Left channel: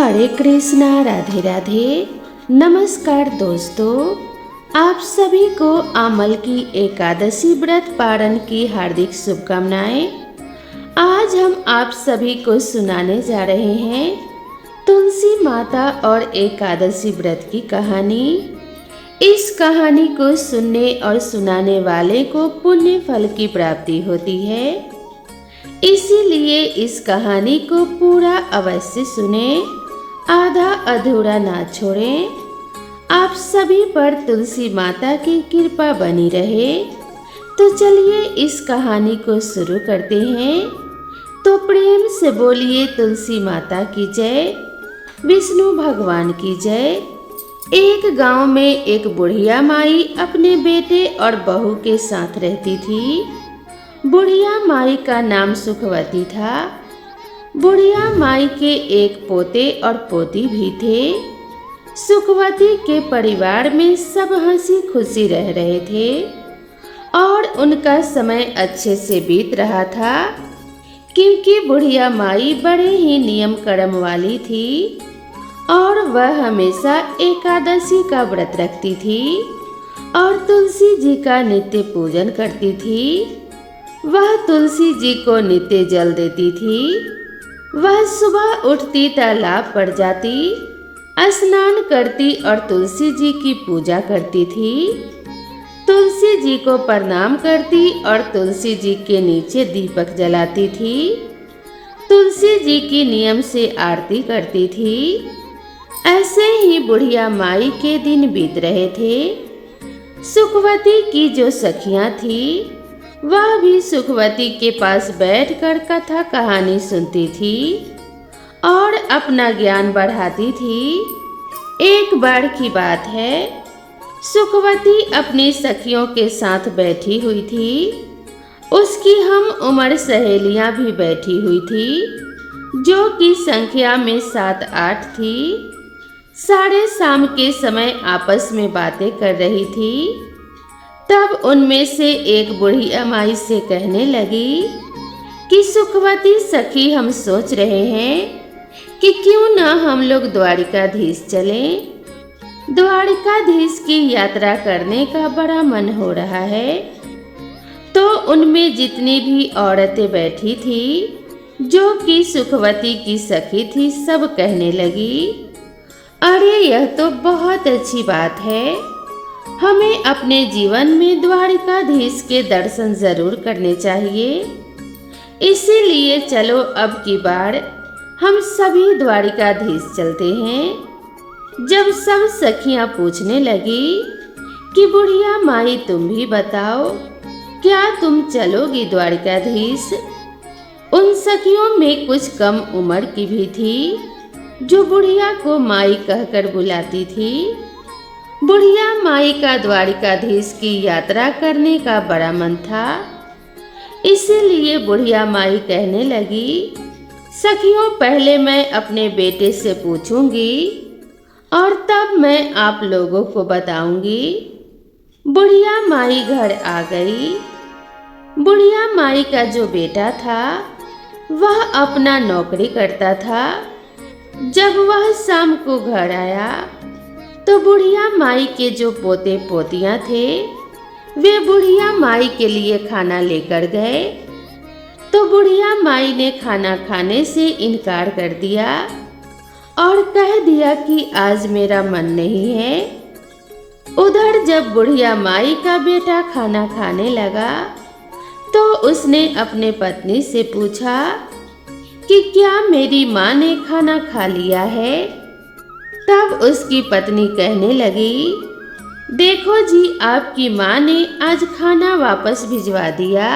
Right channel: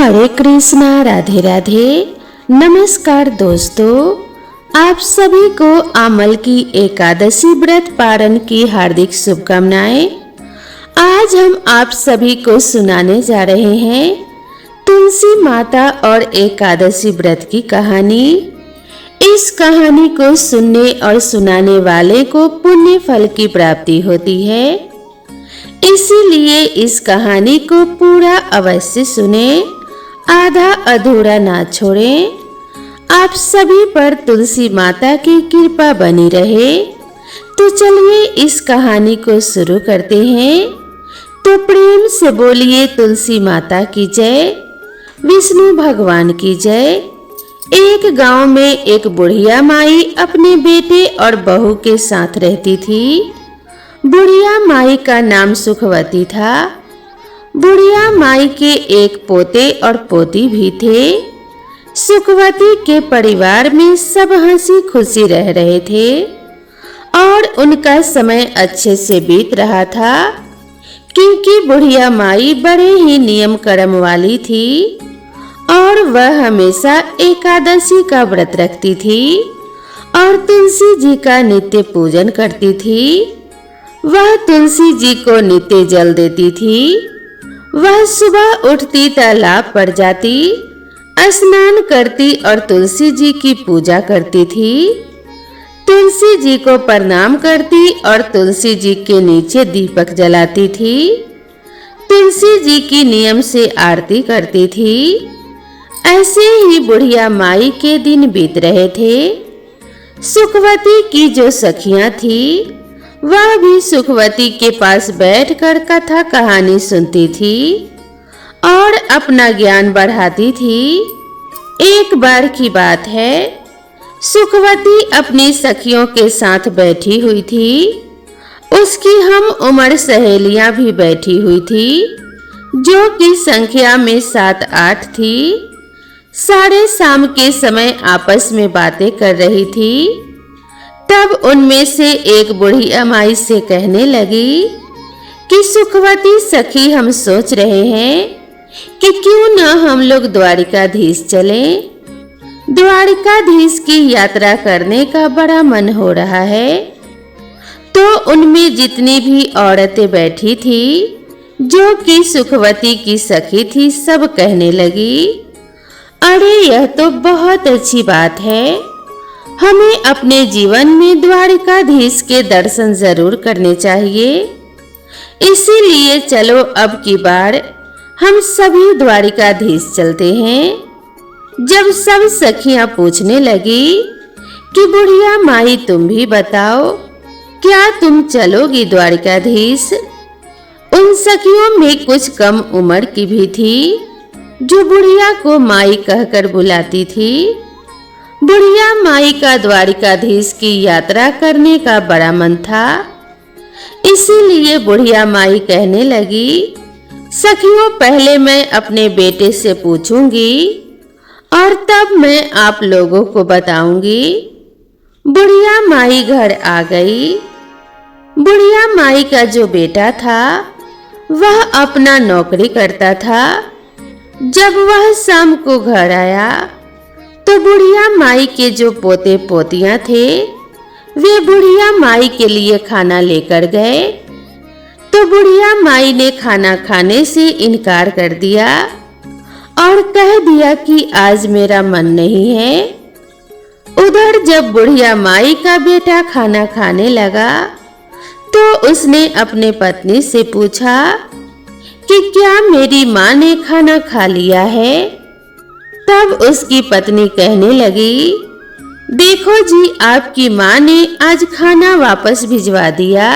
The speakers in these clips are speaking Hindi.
हरे कृष्णा, राधे राधे। नमस्कार दोस्तों, आप सभी को अमल की एकादशी व्रत पारण की हार्दिक शुभकामनाएं। आज हम आप सभी को सुनाने जा रहे हैं तुलसी माता और एकादशी व्रत की कहानी। इस कहानी को सुनने और सुनाने वाले को पुण्य फल की प्राप्ति होती है, इसीलिए इस कहानी को पूरा अवश्य सुने, आधा अधूरा ना छोड़ें। आप सभी पर तुलसी माता की कृपा बनी रहे। तो चलिए इस कहानी को शुरू करते हैं। तो प्रेम से बोलिए तुलसी माता की जय, विष्णु भगवान की जय। एक गांव में एक बुढ़िया माई अपने बेटे और बहू के साथ रहती थी। बुढ़िया माई का नाम सुखवती था। बुढ़िया माई के एक पोते और पोती भी थे। सुखवती के परिवार में सब हंसी खुशी रह रहे थे और उनका समय अच्छे से बीत रहा था, क्योंकि बुढ़िया माई बड़े ही नियम कर्म वाली थी और वह हमेशा एकादशी का व्रत रखती थी और तुलसी जी का नित्य पूजन करती थी। वह तुलसी जी को नित्य जल देती थी। वह सुबह उठती तालाब पर जाती, स्नान करती और तुलसी जी की पूजा करती थी। तुलसी जी को प्रणाम करती और तुलसी जी के नीचे दीपक जलाती थी। तुलसी जी की नियम से आरती करती थी। ऐसे ही बुढ़िया माई के दिन बीत रहे थे। सुखवती की जो सखियां थी, वह भी सुखवती के पास बैठकर कथा कहानी सुनती थी और अपना ज्ञान बढ़ाती थी। एक बार की बात है, सुखवती अपनी सखियों के साथ बैठी हुई थी। उसकी हम उम्र सहेलियां भी बैठी हुई थी, जो कि संख्या में 7-8 थी। साढ़े शाम के समय आपस में बातें कर रही थी। तब उनमें से एक बुढ़िया माई से कहने लगी कि सुखवती सखी, हम सोच रहे हैं कि क्यों न हम लोग द्वारिकाधीश चलें। द्वारिकाधीश की यात्रा करने का बड़ा मन हो रहा है। तो उनमें जितनी भी औरतें बैठी थी, जो कि सुखवती की सखी थी, सब कहने लगी, अरे यह तो बहुत अच्छी बात है। हमें अपने जीवन में द्वारिकाधीश के दर्शन जरूर करने चाहिए। इसीलिए चलो अब की बार हम सभी द्वारिकाधीश चलते हैं। जब सब सखियां पूछने लगी कि बुढ़िया माई तुम भी बताओ, क्या तुम चलोगी द्वारिकाधीश? उन सखियों में कुछ कम उम्र की भी थी, जो बुढ़िया को माई कहकर बुलाती थी। बुढ़िया माई का द्वारिकाधीश की यात्रा करने का बड़ा मन था। इसीलिए बुढ़िया माई कहने लगी, सखियों, पहले मैं अपने बेटे से पूछूंगी और तब मैं आप लोगों को बताऊंगी। बुढ़िया माई घर आ गई। बुढ़िया माई का जो बेटा था, वह अपना नौकरी करता था। जब वह शाम को घर आया तो बुढ़िया माई के जो पोते पोतियां थे, वे बुढ़िया माई के लिए खाना लेकर गए। तो बुढ़िया माई ने खाना खाने से इनकार कर दिया और कह दिया कि आज मेरा मन नहीं है। उधर जब बुढ़िया माई का बेटा खाना खाने लगा, तो उसने अपने पत्नी से पूछा कि क्या मेरी माँ ने खाना खा लिया है? तब उसकी पत्नी कहने लगी, देखो जी, आपकी माँ ने आज खाना वापस भिजवा दिया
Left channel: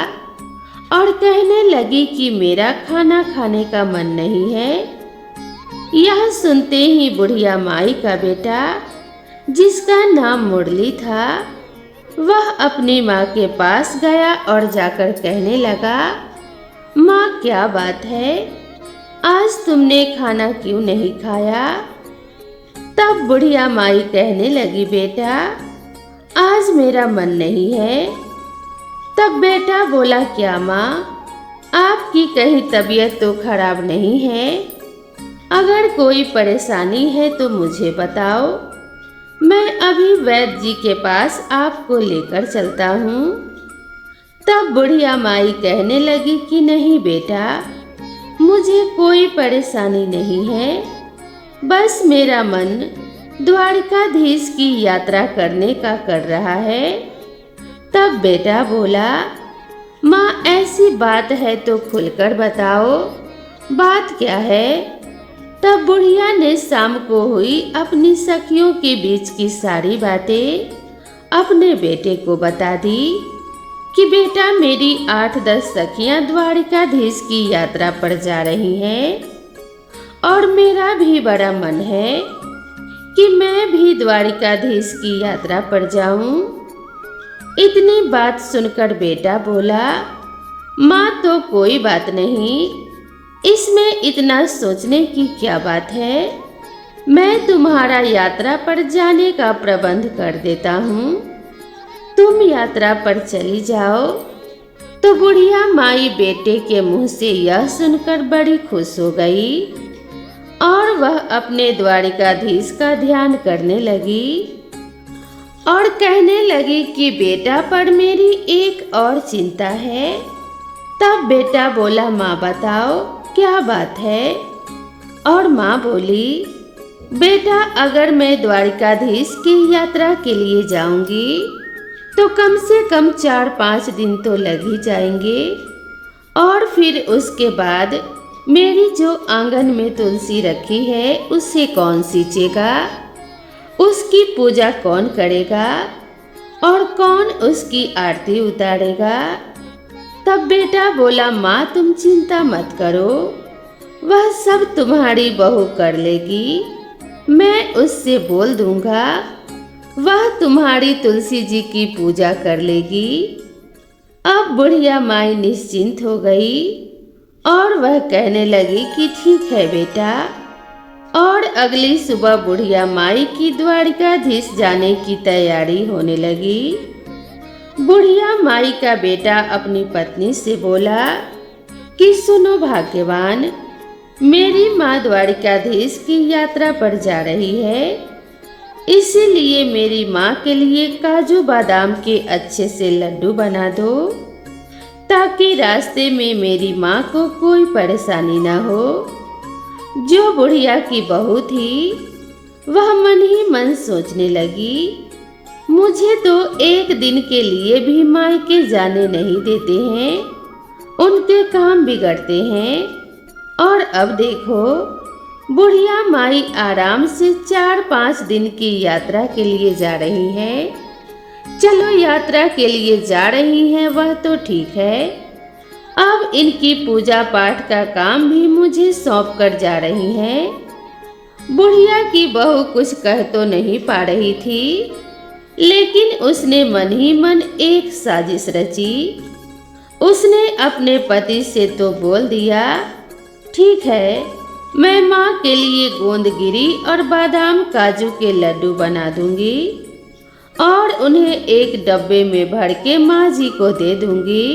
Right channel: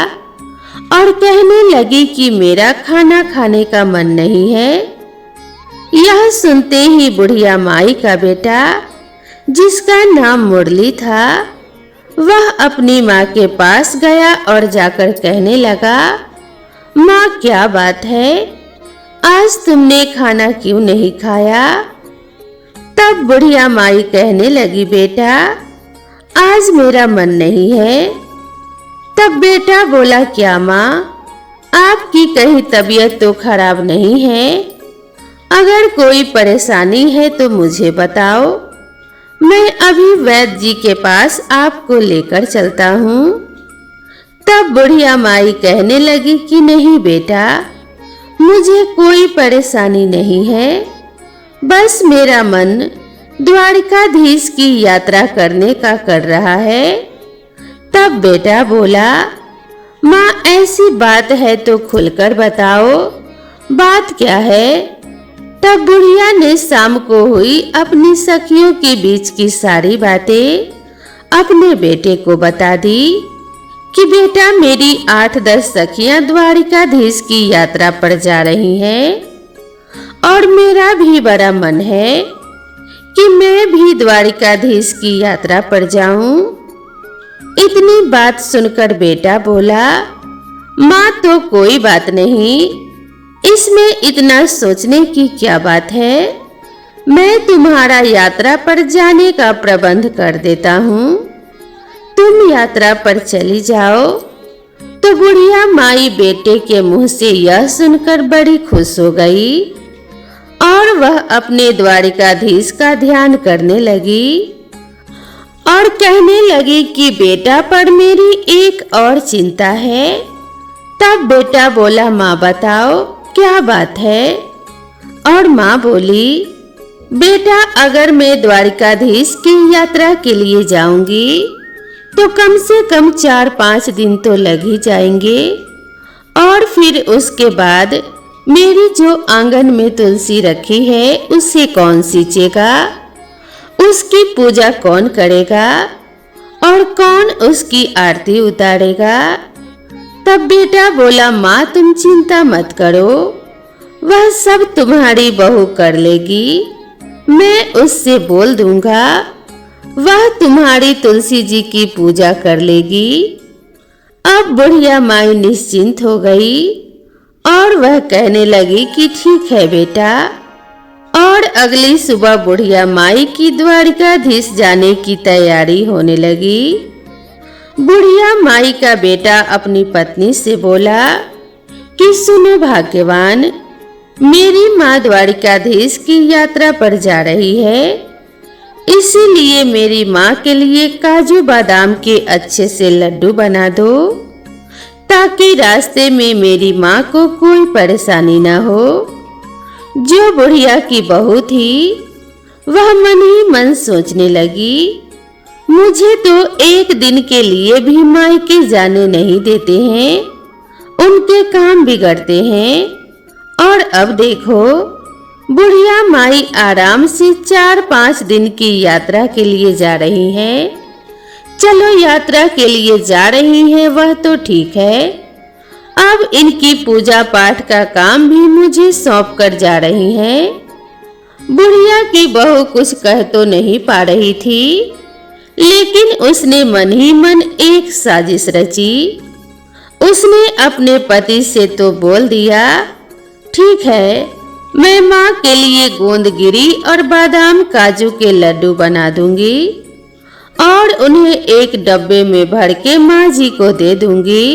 और कहने लगी कि मेरा खाना खाने का मन नहीं है। यह सुनते ही बुढ़िया माई का बेटा, जिसका नाम मुरली था, वह अपनी माँ के पास गया और जाकर कहने लगा, माँ क्या बात है, आज तुमने खाना क्यों नहीं खाया? तब बुढ़िया माई कहने लगी, बेटा आज मेरा मन नहीं है। तब बेटा बोला, क्या माँ, आपकी कहीं तबीयत तो खराब नहीं है? अगर कोई परेशानी है तो मुझे बताओ, मैं अभी वैद्य जी के पास आपको लेकर चलता हूँ। तब बुढ़िया माई कहने लगी कि नहीं बेटा, मुझे कोई परेशानी नहीं है, बस मेरा मन द्वारिकाधीश की यात्रा करने का कर रहा है। तब बेटा बोला, माँ ऐसी बात है तो खुलकर बताओ, बात क्या है? तब बुढ़िया ने शाम को हुई अपनी सखियों के बीच की सारी बातें अपने बेटे को बता दी कि बेटा, मेरी 8-10 सखियां द्वारिकाधीश की यात्रा पर जा रही हैं और मेरा भी बड़ा मन है कि मैं भी द्वारिकाधीश की यात्रा पर जाऊं। इतनी बात सुनकर बेटा बोला, माँ तो कोई बात नहीं, इसमें इतना सोचने की क्या बात है, मैं तुम्हारा यात्रा पर जाने का प्रबंध कर देता हूँ, तुम यात्रा पर चली जाओ। तो बुढ़िया माई बेटे के मुंह से यह सुनकर बड़ी खुश हो गई और वह अपने द्वारिकाधीश का ध्यान करने लगी और कहने लगी कि बेटा, पर मेरी एक और चिंता है। तब बेटा बोला, माँ बताओ क्या बात है? और माँ बोली, बेटा, अगर मैं द्वारिकाधीश की यात्रा के लिए जाऊंगी तो कम से कम 4-5 दिन तो लग ही जाएंगे और फिर उसके बाद मेरी जो आंगन में तुलसी रखी है उसे कौन सींचेगा, उसकी पूजा कौन करेगा और कौन उसकी आरती उतारेगा? तब बेटा बोला, माँ तुम चिंता मत करो, वह सब तुम्हारी बहू कर लेगी, मैं उससे बोल दूंगा, वह तुम्हारी तुलसी जी की पूजा कर लेगी। अब बुढ़िया माई निश्चिंत हो गई और वह कहने लगी कि ठीक है बेटा। और अगली सुबह बुढ़िया माई की द्वारिकाधीश जाने की तैयारी होने लगी। बुढ़िया माई का बेटा अपनी पत्नी से बोला कि सुनो भाग्यवान, मेरी माँ द्वारिकाधीश की यात्रा पर जा रही है, इसीलिए मेरी माँ के लिए काजू बादाम के अच्छे से लड्डू बना दो ताकि रास्ते में मेरी माँ को कोई परेशानी ना हो। जो बुढ़िया की बहू थी वह मन ही मन सोचने लगी, मुझे तो एक दिन के लिए भी मायके जाने नहीं देते हैं, उनके काम बिगड़ते हैं। और अब देखो, बुढ़िया माई आराम से 4-5 दिन की यात्रा के लिए जा रही हैं। चलो यात्रा के लिए जा रही हैं वह तो ठीक है, अब इनकी पूजा पाठ का काम भी मुझे सौंप कर जा रही हैं। बुढ़िया की बहू कुछ कह तो नहीं पा रही थी, लेकिन उसने मन ही मन एक साजिश रची। उसने अपने पति से तो बोल दिया, ठीक है, मैं माँ के लिए गोंदगिरी और बादाम काजू के लड्डू बना दूंगी और उन्हें एक डब्बे में भर के माँ जी को दे दूंगी।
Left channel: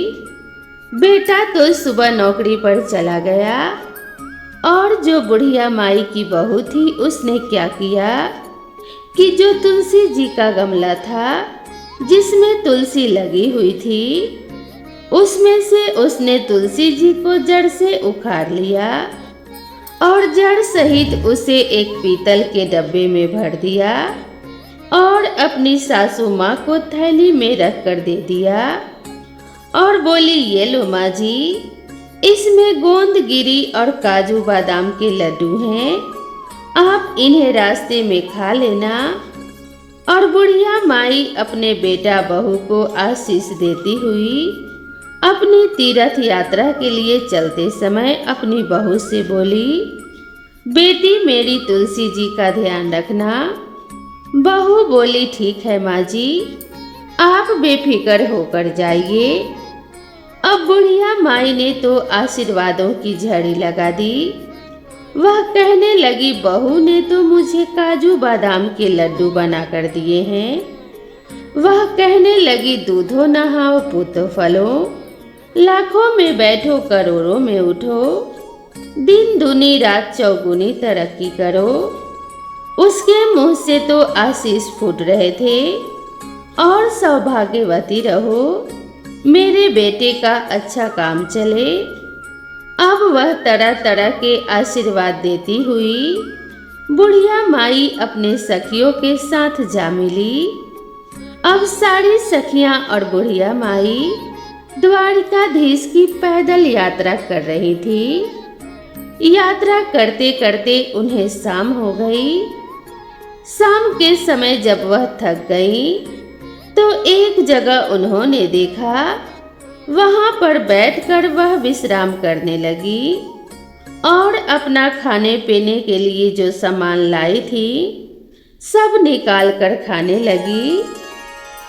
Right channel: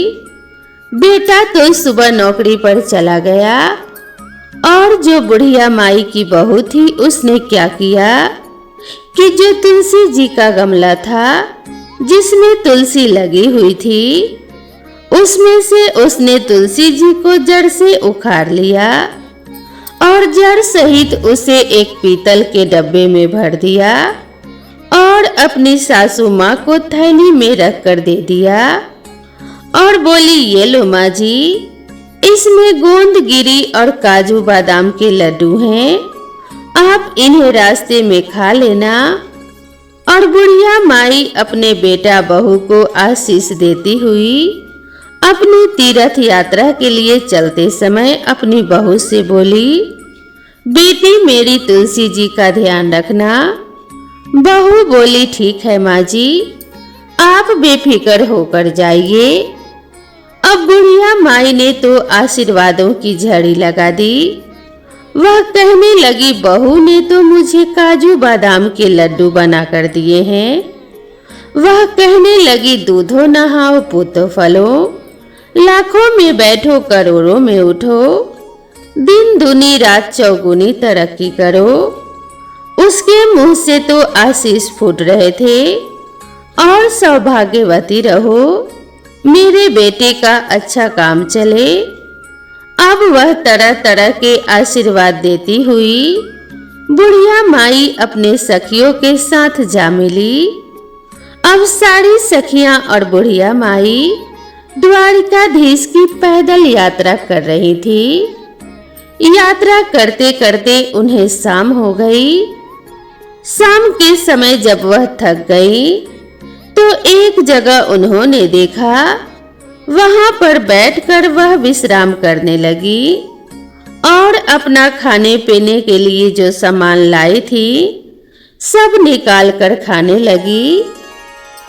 बेटा तो सुबह नौकरी पर चला गया और जो बुढ़िया माई की बहू थी उसने क्या किया कि जो तुलसी जी का गमला था जिसमें तुलसी लगी हुई थी, उसमें से उसने तुलसी जी को जड़ से उखाड़ लिया और जड़ सहित उसे एक पीतल के डब्बे में भर दिया और अपनी सासू माँ को थैली में रख कर दे दिया और बोली, ये लो माँ जी, इसमें गोंदगिरी और काजू बादाम के लड्डू हैं, आप इन्हें रास्ते में खा लेना। और बुढ़िया माई अपने बेटा बहू को आशीष देती हुई अपनी तीर्थ यात्रा के लिए चलते समय अपनी बहू से बोली, बेटी मेरी तुलसी जी का ध्यान रखना। बहू बोली, ठीक है माँ जी, आप बेफिक्र होकर जाइए। अब बुढ़िया माई ने तो आशीर्वादों की झड़ी लगा दी। वह कहने लगी, बहू ने तो मुझे काजू बादाम के लड्डू बना कर दिए हैं। वह कहने लगी, दूधो नहाओ पूतो फलो, लाखों में बैठो करोड़ों में उठो, दिन दूनी रात चौगुनी तरक्की करो। उसके मुंह से तो आशीष फूट रहे थे, और सौभाग्यवती रहो, मेरे बेटे का अच्छा काम चले। अब वह तरह तरह के आशीर्वाद देती हुई बुढ़िया माई अपने सखियों के साथ जा मिली। अब सारी सखियां और बुढ़िया माई द्वारिकाधीश की पैदल यात्रा कर रही थी। यात्रा करते करते उन्हें शाम हो गई। शाम के समय जब वह थक गई तो एक जगह उन्होंने देखा, वहां पर बैठकर वह विश्राम करने लगी और अपना खाने पीने के लिए जो सामान लाई थी सब निकाल कर खाने लगी।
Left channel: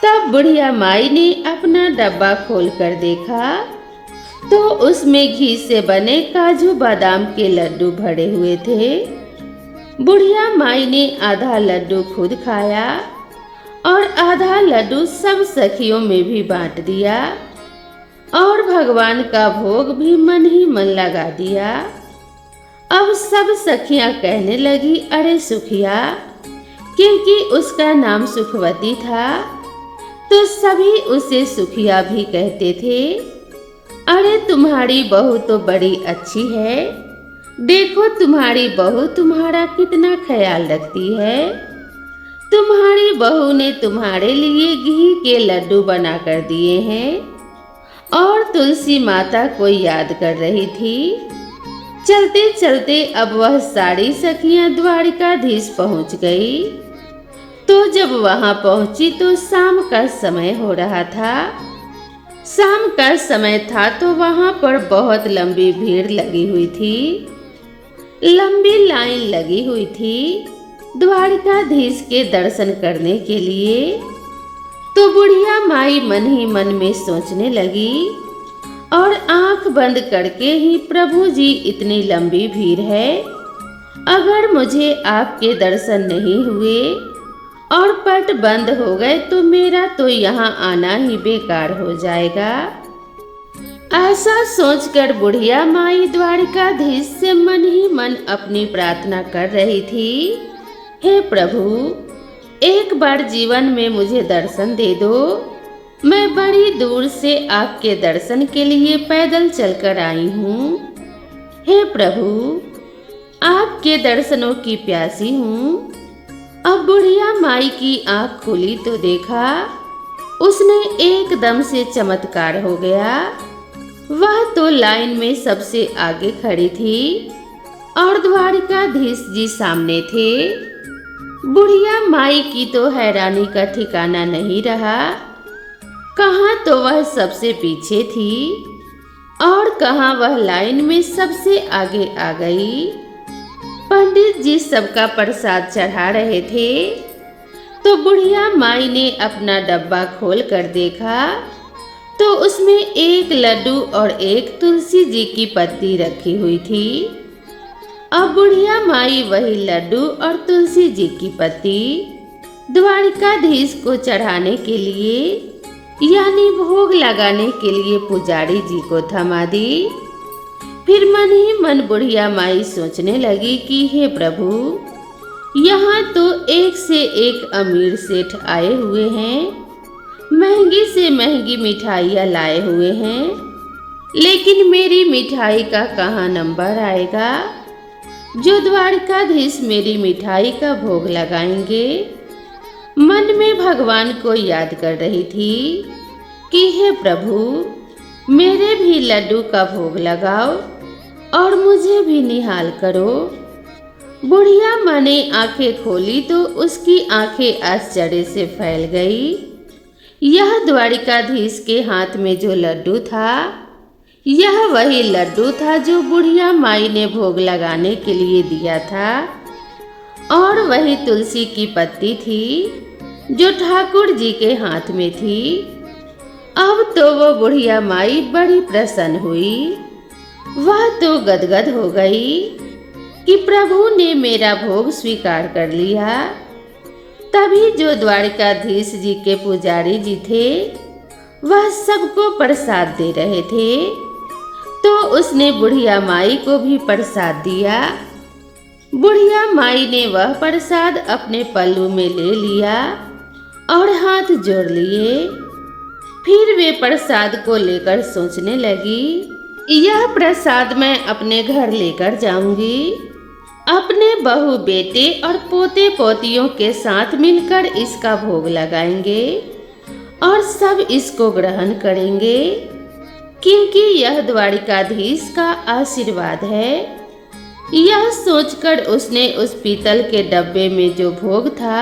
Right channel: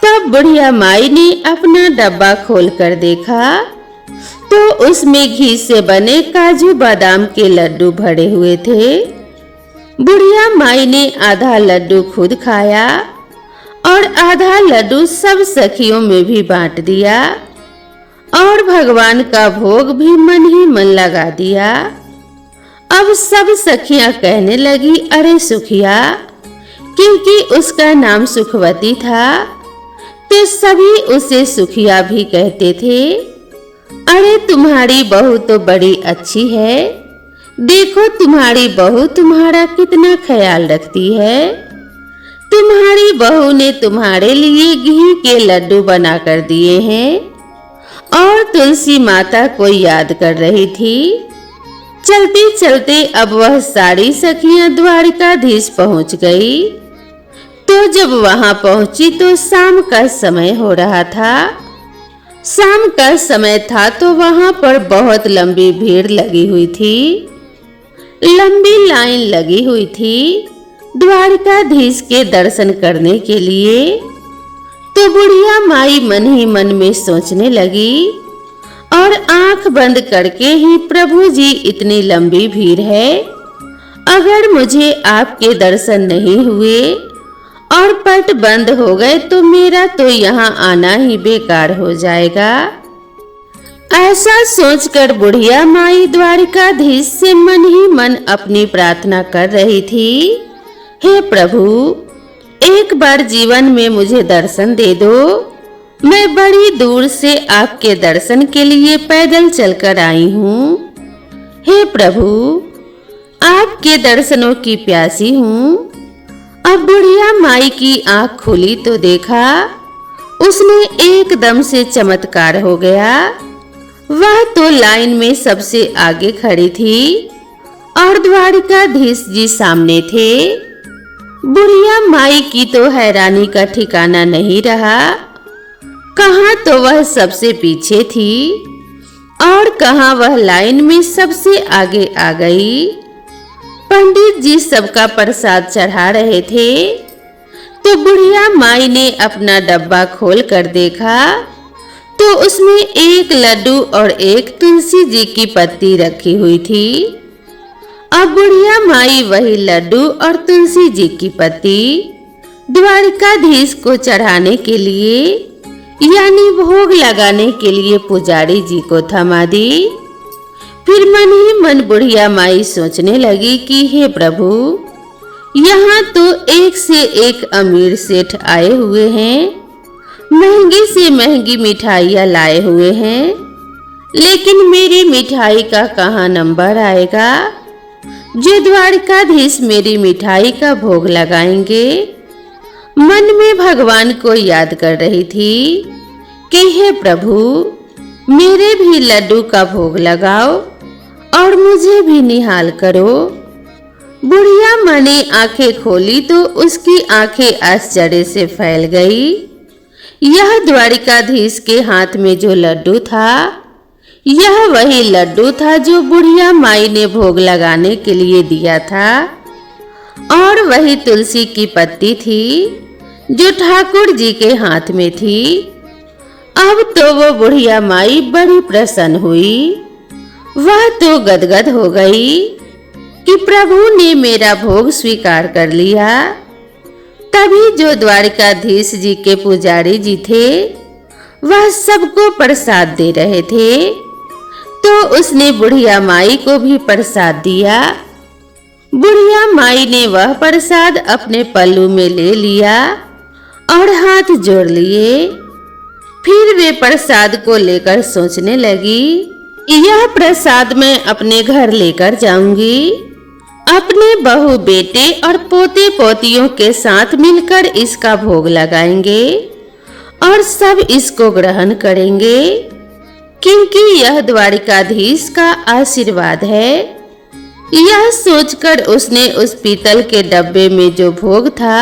तब बुढ़िया माई ने अपना डब्बा खोलकर देखा तो उसमें घी से बने काजू बादाम के लड्डू भरे हुए थे। बुढ़िया माई ने आधा लड्डू खुद खाया और आधा लड्डू सब सखियों में भी बांट दिया और भगवान का भोग भी मन ही मन लगा दिया। अब सब सखियां कहने लगी, अरे सुखिया, क्योंकि उसका नाम सुखवती था तो सभी उसे सुखिया भी कहते थे। अरे तुम्हारी बहू तो बड़ी अच्छी है, देखो तुम्हारी बहू तुम्हारा कितना ख्याल रखती है। तुम्हारी बहू ने तुम्हारे लिए घी के लड्डू बना कर दिए हैं और तुलसी माता को याद कर रही थी। चलते चलते अब वह सारी सखियां द्वारिकाधीश पहुंच गई। तो जब वहां पहुंची तो शाम का समय हो रहा था। शाम का समय था तो वहां पर बहुत लंबी भीड़ लगी हुई थी, लंबी लाइन लगी हुई थी द्वारिकाधीश के दर्शन करने के लिए। तो बुढ़िया माई मन ही मन में सोचने लगी और आंख बंद करके ही, प्रभु जी इतनी लंबी भीड़ है, अगर मुझे आपके दर्शन नहीं हुए और पट बंद हो गए तो मेरा तो यहाँ आना ही बेकार हो जाएगा। ऐसा सोचकर बुढ़िया माई द्वारिकाधीश से मन ही मन अपनी प्रार्थना कर रही थी, हे प्रभु, एक बार जीवन में मुझे दर्शन दे दो। मैं बड़ी दूर से आपके दर्शन के लिए पैदल चलकर आई हूँ। हे प्रभु, आपके दर्शनों की प्यासी हूँ। अब बुढ़िया माई की आंख खुली तो देखा उसने एकदम से चमत्कार हो गया। वह तो लाइन में सबसे आगे खड़ी थी और द्वारिकाधीश जी सामने थे। बुढ़िया माई की तो हैरानी का ठिकाना नहीं रहा। कहाँ तो वह सबसे पीछे थी और कहाँ वह लाइन में सबसे आगे आ गई। पंडित जी सबका प्रसाद चढ़ा रहे थे तो बुढ़िया माई ने अपना डब्बा खोल कर देखा तो उसमें एक लड्डू और एक तुलसी जी की पत्ती रखी हुई थी। अब बुढ़िया माई वही लड्डू और तुलसी जी की पत्ती द्वारिकाधीश को चढ़ाने के लिए, यानी भोग लगाने के लिए पुजारी जी को थमा दी। फिर मन ही मन बुढ़िया माई सोचने लगी कि हे प्रभु, यहाँ तो एक से एक अमीर सेठ आए हुए हैं, महंगी से महंगी मिठाइयाँ लाए हुए हैं, लेकिन मेरी मिठाई का कहाँ नंबर आएगा जो द्वारिकाधीश मेरी मिठाई का भोग लगाएंगे। मन में भगवान को याद कर रही थी कि हे प्रभु, मेरे भी लड्डू का भोग लगाओ और मुझे भी निहाल करो। बुढ़िया माँ ने आंखें खोली तो उसकी आंखें आश्चर्य से फैल गई। यह द्वारिकाधीश के हाथ में जो लड्डू था, यह वही लड्डू था जो बुढ़िया माई ने भोग लगाने के लिए दिया था, और वही तुलसी की पत्ती थी जो ठाकुर जी के हाथ में थी। अब तो वो बुढ़िया माई बड़ी प्रसन्न हुई। वह तो गदगद हो गई कि प्रभु ने मेरा भोग स्वीकार कर लिया। तभी जो द्वारिकाधीश जी के पुजारी जी थे वह सबको प्रसाद दे रहे थे। तो उसने बुढ़िया माई को भी प्रसाद दिया। बुढ़िया माई ने वह प्रसाद अपने पल्लू में ले लिया और हाथ जोड़ लिए। फिर वे प्रसाद को लेकर सोचने लगी, यह प्रसाद मैं अपने घर लेकर जाऊंगी। अपने बहू बेटे और पोते पोतियों के साथ मिलकर इसका भोग लगाएंगे और सब इसको ग्रहण करेंगे, क्योंकि यह द्वारिकाधीश का आशीर्वाद है। यह सोचकर उसने उस पीतल के डब्बे में जो भोग था,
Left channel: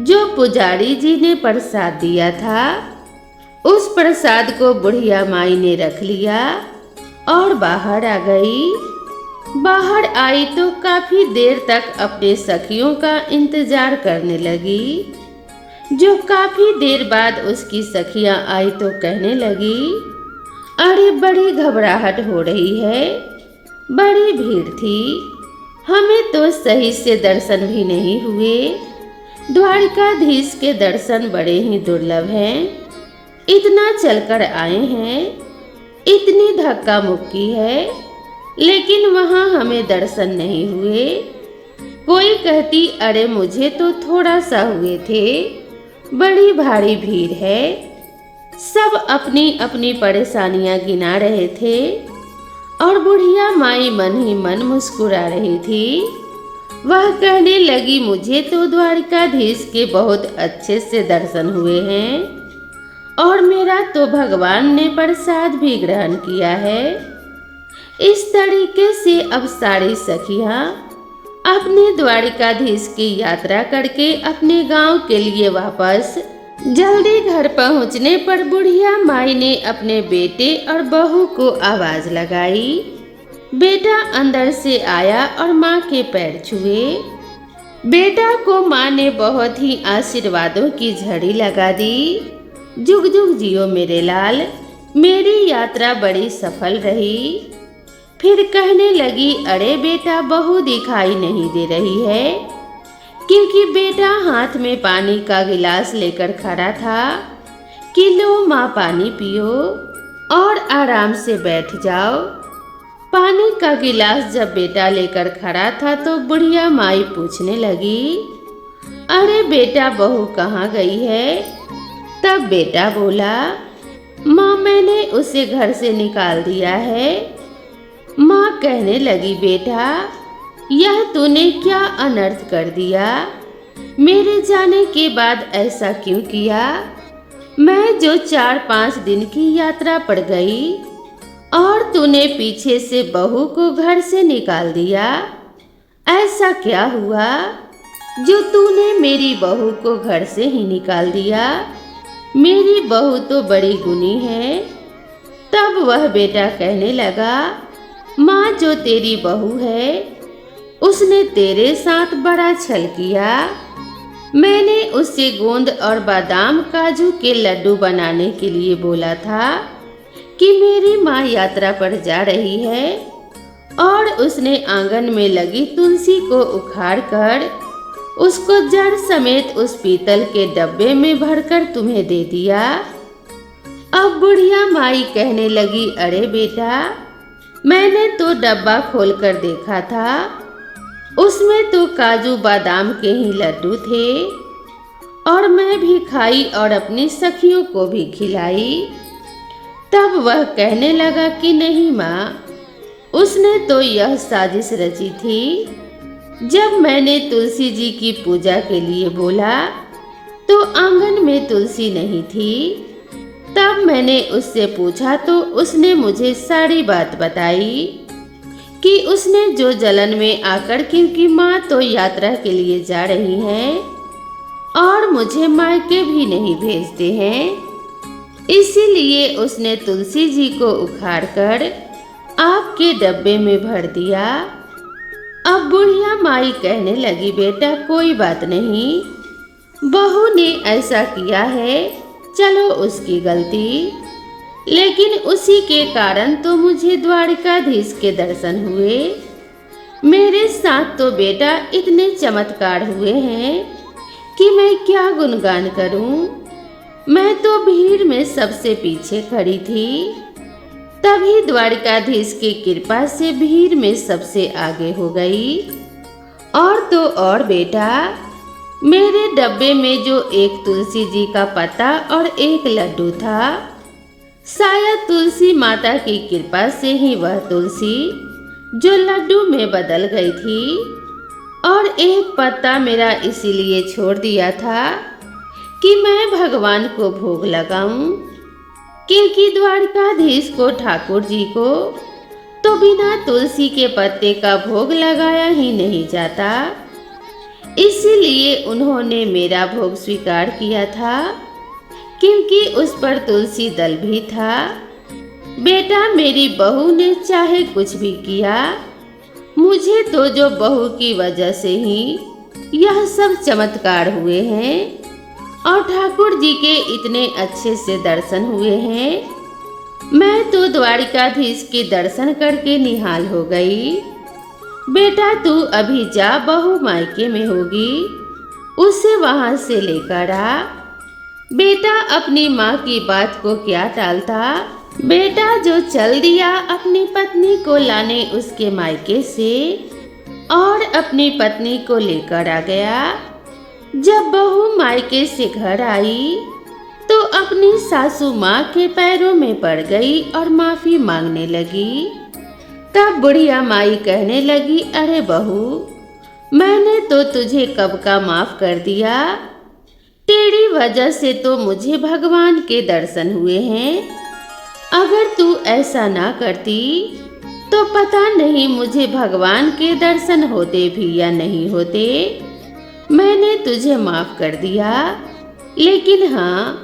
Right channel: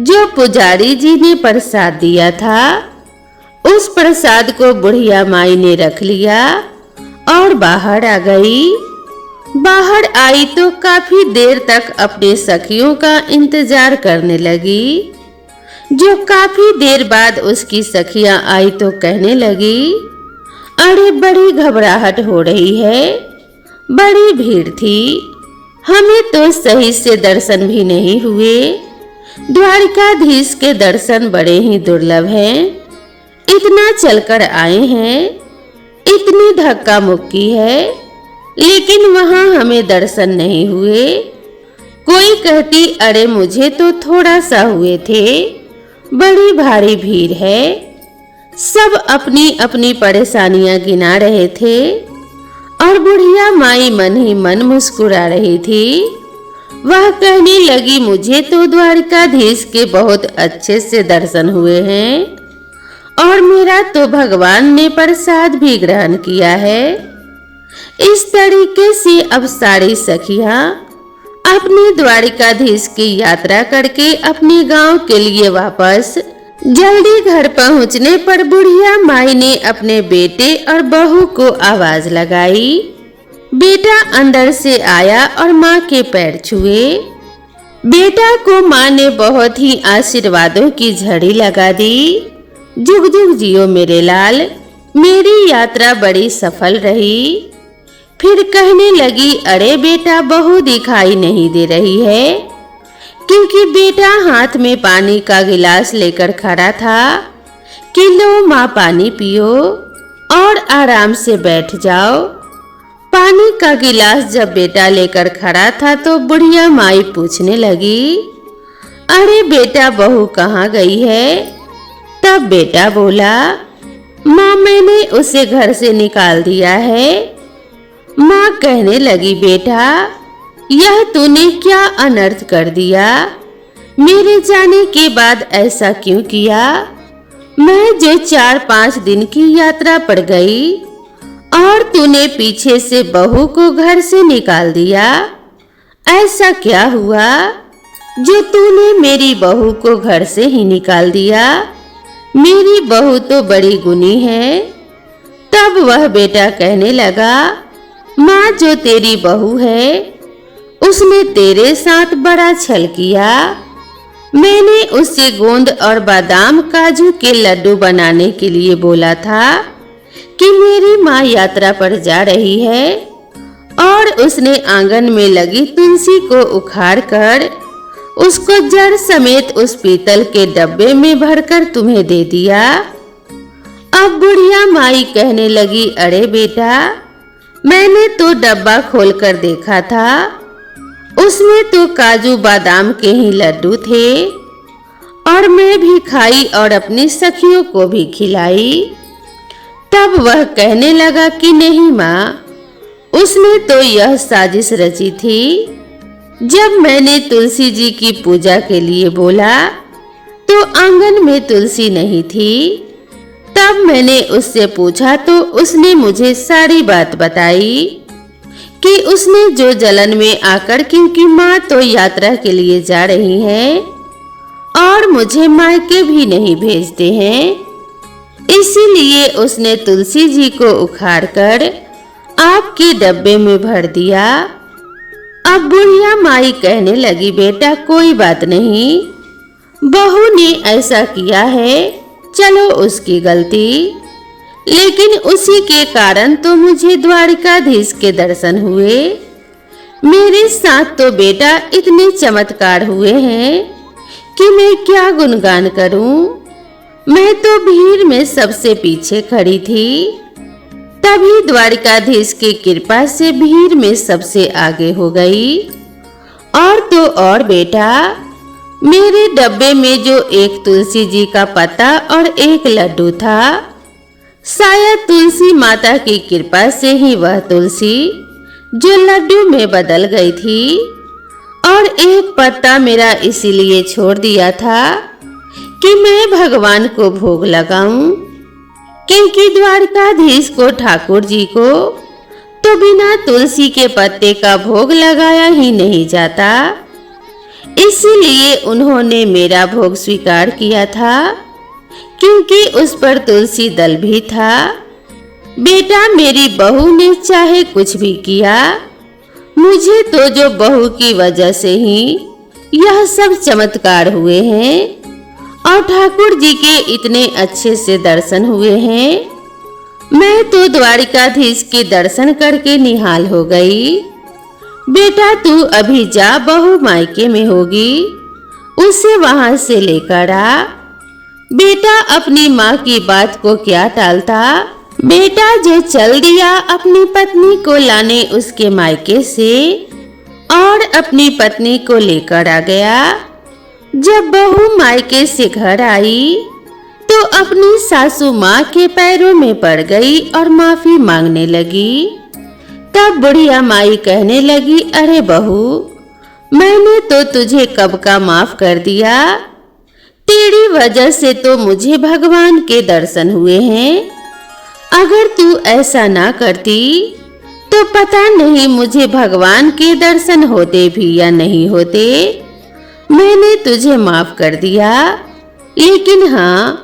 जो पुजारी जी ने प्रसाद दिया था, उस प्रसाद को बुढ़िया माई ने रख लिया और बाहर आ गई। बाहर आई तो काफी देर तक अपने सखियों का इंतजार करने लगी। जो काफी देर बाद उसकी सखियां आई तो कहने लगी, अरे बड़ी घबराहट हो रही है, बड़ी भीड़ थी, हमें तो सही से दर्शन भी नहीं हुए। द्वारिकाधीश के दर्शन बड़े ही दुर्लभ हैं। इतना चलकर आए हैं, इतनी धक्का मुक्की है, लेकिन वहां हमें दर्शन नहीं हुए। कोई कहती, अरे मुझे तो थोड़ा सा हुए थे, बड़ी भारी भीड़ है। सब अपनी अपनी परेशानियां गिना रहे थे और बुढ़िया माई मन ही मन मुस्कुरा रही थी। वह कहने लगी, मुझे तो द्वारिकाधीश के बहुत अच्छे से दर्शन हुए हैं और मेरा तो भगवान ने प्रसाद भी ग्रहण किया है। इस तरीके से अब सारी सखियां अपने द्वारिकाधीश की यात्रा करके अपने गांव के लिए वापस जल्दी घर पहुंचने पर बुढ़िया माई ने अपने बेटे और बहू को आवाज लगाई। बेटा अंदर से आया और माँ के पैर छुए। बेटा को माँ ने बहुत ही आशीर्वादों की झड़ी लगा दी। जुग जुग जियो मेरे लाल, मेरी यात्रा बड़ी सफल रही। फिर कहने लगी, अरे बेटा बहू दिखाई नहीं दे रही है, क्योंकि बेटा हाथ में पानी का गिलास लेकर खड़ा था कि लो माँ पानी पियो और आराम से बैठ जाओ। पानी का गिलास जब बेटा लेकर खड़ा था तो बुढ़िया माई पूछने लगी, अरे बेटा बहू कहाँ गई है? तब बेटा बोला, माँ मैंने उसे घर से निकाल दिया है। माँ कहने लगी, बेटा यह तूने क्या अनर्थ कर दिया? मेरे जाने के बाद ऐसा क्यों किया? मैं जो 4-5 दिन की यात्रा पड़ गई और तूने पीछे से बहू को घर से निकाल दिया। ऐसा क्या हुआ जो तूने मेरी बहू को घर से ही निकाल दिया? मेरी बहू तो बड़ी गुणी है। तब वह बेटा कहने लगा, माँ जो तेरी बहू है उसने तेरे साथ बड़ा छल किया। मैंने उससे गोंद और बादाम काजू के लड्डू बनाने के लिए बोला था कि मेरी माँ यात्रा पर जा रही है, और उसने आंगन में लगी तुलसी को उखाड़कर उसको जड़ समेत उस पीतल के डब्बे में भरकर तुम्हें दे दिया। अब बुढ़िया माई कहने लगी, अरे बेटा मैंने तो डब्बा खोलकर देखा था, उसमें तो काजू बादाम के ही लड्डू थे और मैं भी खाई और अपनी सखियों को भी खिलाई। तब वह कहने लगा कि नहीं माँ, उसने तो यह साजिश रची थी। जब मैंने तुलसी जी की पूजा के लिए बोला तो आंगन में तुलसी नहीं थी। तब मैंने उससे पूछा तो उसने मुझे सारी बात बताई कि उसने जो जलन में आकर, क्योंकि माँ तो यात्रा के लिए जा रही हैं और मुझे मायके भी नहीं भेजते हैं, इसीलिए उसने तुलसी जी को उखाड़कर आपके डब्बे में भर दिया। अब बुढ़िया माई कहने लगी, बेटा कोई बात नहीं, बहू ने ऐसा किया है, चलो उसकी गलती, लेकिन उसी के कारण तो मुझे द्वारिकाधीश के दर्शन हुए। मेरे साथ तो बेटा इतने चमत्कार हुए हैं कि मैं क्या गुणगान करूं। मैं तो भीड़ में सबसे पीछे खड़ी थी। तभी द्वारिकाधीश की कृपा से भीड़ में सबसे आगे हो गई। और तो और बेटा, मेरे डब्बे में जो एक तुलसी जी का पत्ता और एक लड्डू था, शायद तुलसी माता की कृपा से ही वह तुलसी जो लड्डू में बदल गई थी, और एक पत्ता मेरा इसीलिए छोड़ दिया था कि मैं भगवान को भोग लगाऊं, क्योंकि द्वारकाधीश को ठाकुर जी को तो बिना तुलसी के पत्ते का भोग लगाया ही नहीं जाता। इसीलिए उन्होंने मेरा भोग स्वीकार किया था, क्योंकि उस पर तुलसी दल भी था। बेटा, मेरी बहू ने चाहे कुछ भी किया, मुझे तो जो बहू की वजह से ही यह सब चमत्कार हुए हैं और ठाकुर जी के इतने अच्छे से दर्शन हुए हैं, मैं तो द्वारिकाधीश के दर्शन करके निहाल हो गई। बेटा, तू अभी जा, बहू मायके में होगी, उसे वहां से लेकर आ। बेटा, अपनी माँ की बात को क्या टालता। बेटा जो चल दिया अपनी पत्नी को लाने उसके मायके से और अपनी पत्नी को लेकर आ गया। जब बहू मायके से घर आई तो अपनी सासू माँ के पैरों में पड़ गई और माफी मांगने लगी। तब बुढ़िया माई कहने लगी, अरे बहू, मैंने तो तुझे कब का माफ कर दिया, तेरी वजह से तो मुझे भगवान के दर्शन हुए हैं। अगर तू ऐसा ना करती तो पता नहीं मुझे भगवान के दर्शन होते भी या नहीं होते। मैंने तुझे माफ कर दिया, लेकिन हाँ,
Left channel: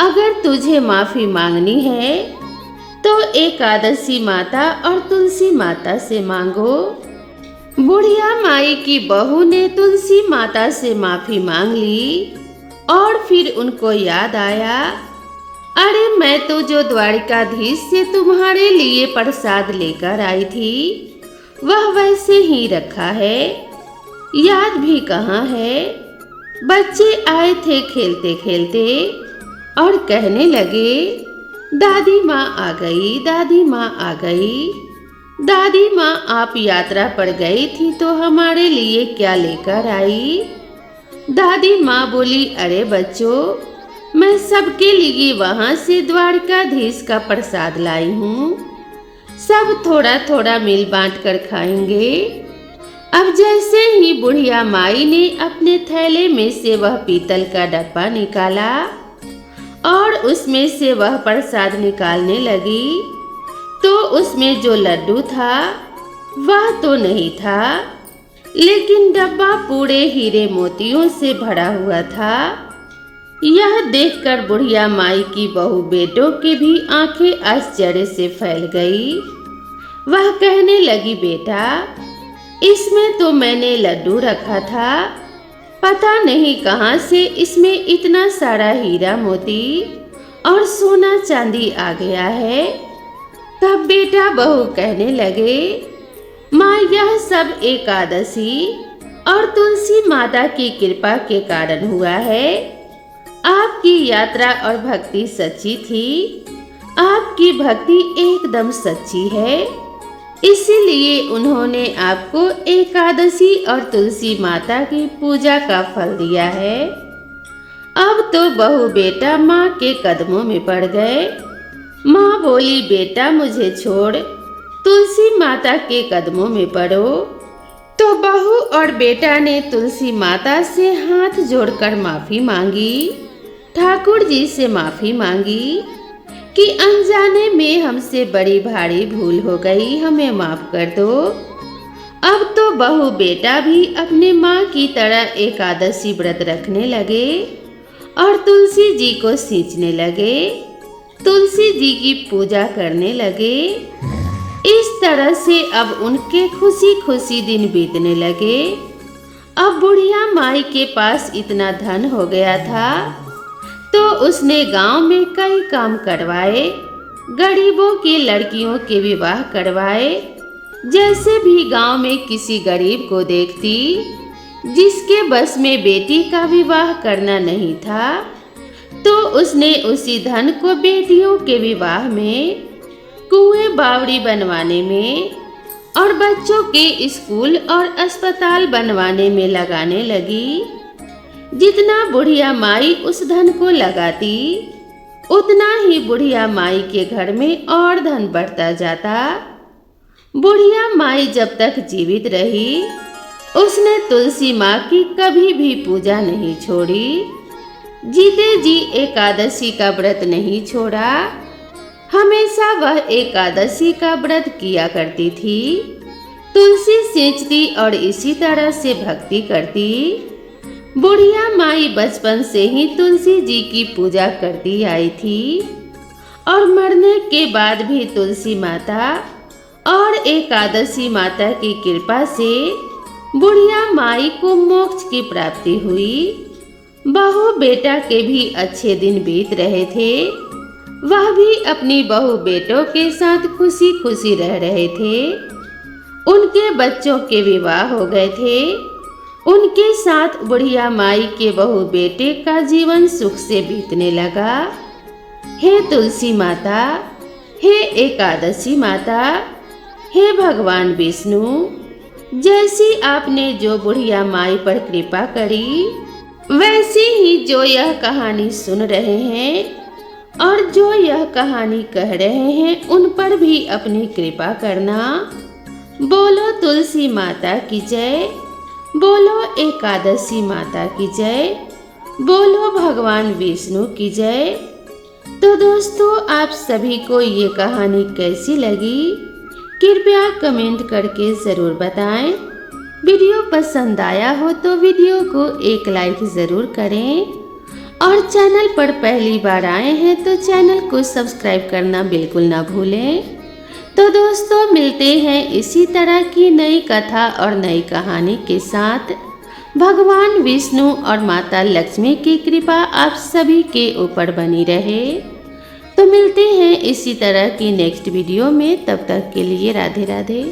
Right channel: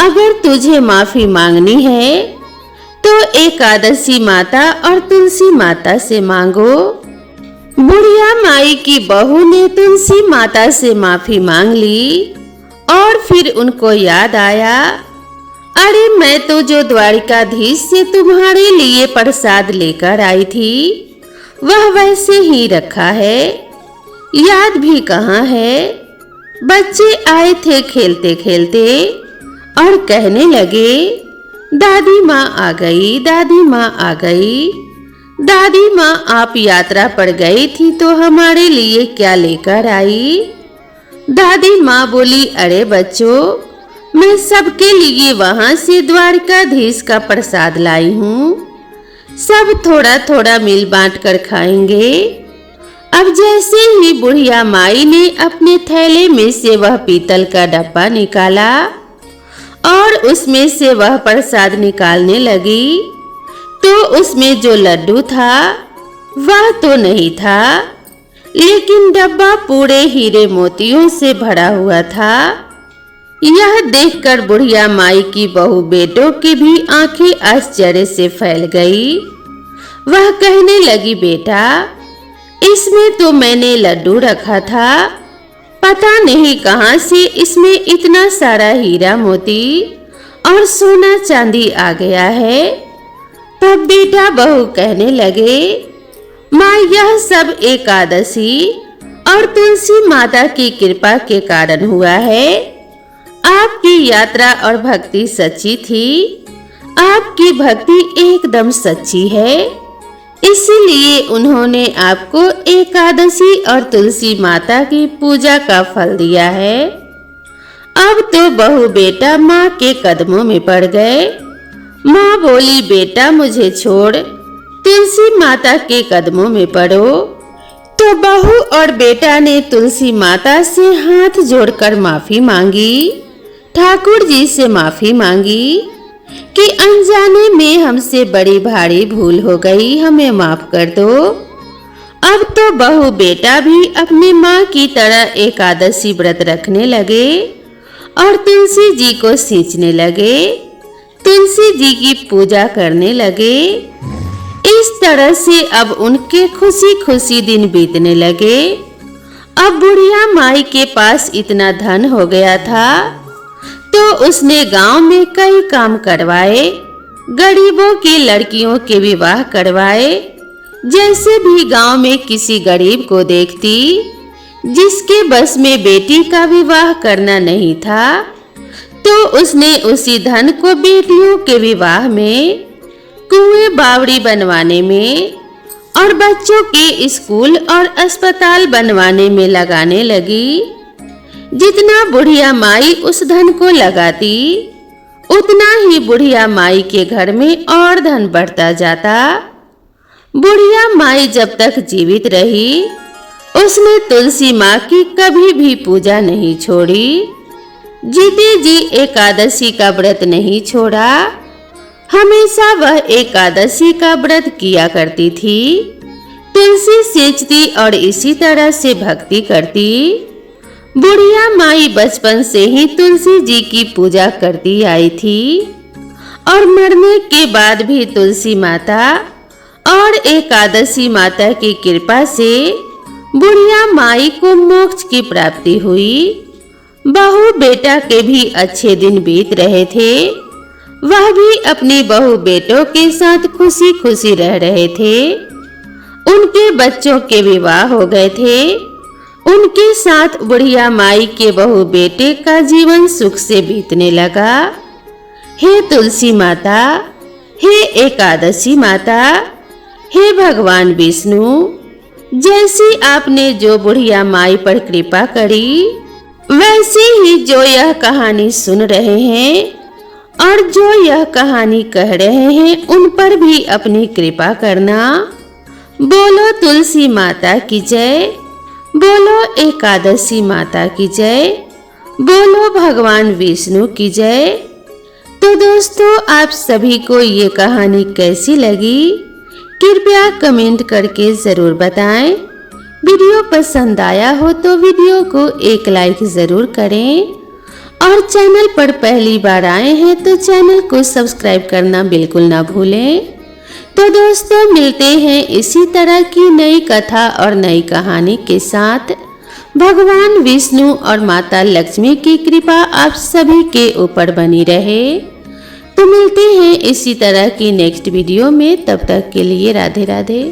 अगर तुझे माफी मांगनी है तो एकादशी माता और तुलसी माता से मांगो। बुढ़िया माई की बहू ने तुलसी माता से माफी मांग ली और फिर उनको याद आया, अरे मैं तो जो द्वारिकाधीश से तुम्हारे लिए प्रसाद लेकर आई थी वह वैसे ही रखा है, याद भी कहाँ है। बच्चे आए थे खेलते खेलते और कहने लगे, दादी माँ आ गई, दादी माँ आ गई। दादी माँ, आप यात्रा पर गई थी तो हमारे लिए क्या लेकर आई। दादी माँ बोली, अरे बच्चों, मैं सबके लिए वहां से द्वारिकाधीश का प्रसाद लाई हूँ, सब थोड़ा थोड़ा मिल बांट कर खाएंगे। अब जैसे ही बुढ़िया माई ने अपने थैले में से वह पीतल का डब्बा निकाला और उसमें से वह प्रसाद निकालने लगी, तो उसमें जो लड्डू था वह तो नहीं था, लेकिन डब्बा पूरे हीरे मोतियों से भरा हुआ था। यह देखकर बुढ़िया माई की बहू बेटों की भी आंखें आश्चर्य से फैल गई। वह कहने लगी, बेटा, इसमें तो मैंने लड्डू रखा था, पता नहीं कहां से इसमें इतना सारा हीरा मोती और सोना चांदी आ गया है। तब बेटा बहू कहने लगे, माँ, यह सब एकादशी और तुलसी माता की कृपा के कारण हुआ है। आपकी यात्रा और भक्ति सच्ची थी, आपकी भक्ति एकदम सच्ची है, इसीलिए उन्होंने आपको एकादशी और तुलसी माता की पूजा का फल दिया है। अब तो बहू बेटा माँ के कदमों में पड़ गए। माँ बोली, बेटा मुझे छोड़, तुलसी माता के कदमों में पड़ो। तो बहू और बेटा ने तुलसी माता से हाथ जोड़कर माफी मांगी, ठाकुर जी से माफी मांगी कि अनजाने में हमसे बड़ी भारी भूल हो गई, हमें माफ कर दो। अब तो बहू बेटा भी अपनी माँ की तरह एकादशी व्रत रखने लगे और तुलसी जी को सींचने लगे, तुलसी जी की पूजा करने लगे। इस तरह से अब उनके खुशी खुशी दिन बीतने लगे। अब बुढ़िया माई के पास इतना धन हो गया था तो उसने गांव में कई काम करवाए, गरीबों की लड़कियों के विवाह करवाए। जैसे भी गांव में किसी गरीब को देखती जिसके बस में बेटी का विवाह करना नहीं था, तो उसने उसी धन को बेटियों के विवाह में कुएं बावड़ी बनवाने में और बच्चों के स्कूल और अस्पताल बनवाने में लगाने लगी। जितना बुढ़िया माई उस धन को लगाती, उतना ही बुढ़िया माई के घर में और धन बढ़ता जाता। बुढ़िया माई जब तक जीवित रही, उसने तुलसी माँ की कभी भी पूजा नहीं छोड़ी। जीते जी एकादशी का व्रत नहीं छोड़ा। हमेशा वह एकादशी का व्रत किया करती थी। तुलसी सींचती और इसी तरह से भक्ति करती। बुढ़िया माई बचपन से ही तुलसी जी की पूजा करती आई थी और मरने के बाद भी तुलसी माता और एकादशी माता की कृपा से बुढ़िया माई को मोक्ष की प्राप्ति हुई। बहू बेटा के भी अच्छे दिन बीत रहे थे। वह भी अपनी बहू बेटों के साथ खुशी खुशी रह रहे थे। उनके बच्चों के विवाह हो गए थे। उनके साथ बुढ़िया माई के बहू बेटे का जीवन सुख से बीतने लगा। हे तुलसी माता, हे एकादशी माता, हे भगवान विष्णु, जैसी आपने जो बुढ़िया माई पर कृपा करी, वैसे ही जो यह कहानी सुन रहे हैं और जो यह कहानी कह रहे हैं, उन पर भी अपनी कृपा करना। बोलो तुलसी माता की जय, बोलो एकादशी माता की जय, बोलो भगवान विष्णु की जय। तो दोस्तों, आप सभी को ये कहानी कैसी लगी, कृपया कमेंट करके जरूर बताएं। वीडियो पसंद आया हो तो वीडियो को एक लाइक जरूर करें और चैनल पर पहली बार आए हैं तो चैनल को सब्सक्राइब करना बिल्कुल ना भूलें। तो दोस्तों, मिलते हैं इसी तरह की नई कथा और नई कहानी के साथ। भगवान विष्णु और माता लक्ष्मी की कृपा आप सभी के ऊपर बनी रहे। तो मिलते हैं इसी तरह की नेक्स्ट वीडियो में। तब तक के लिए राधे राधे।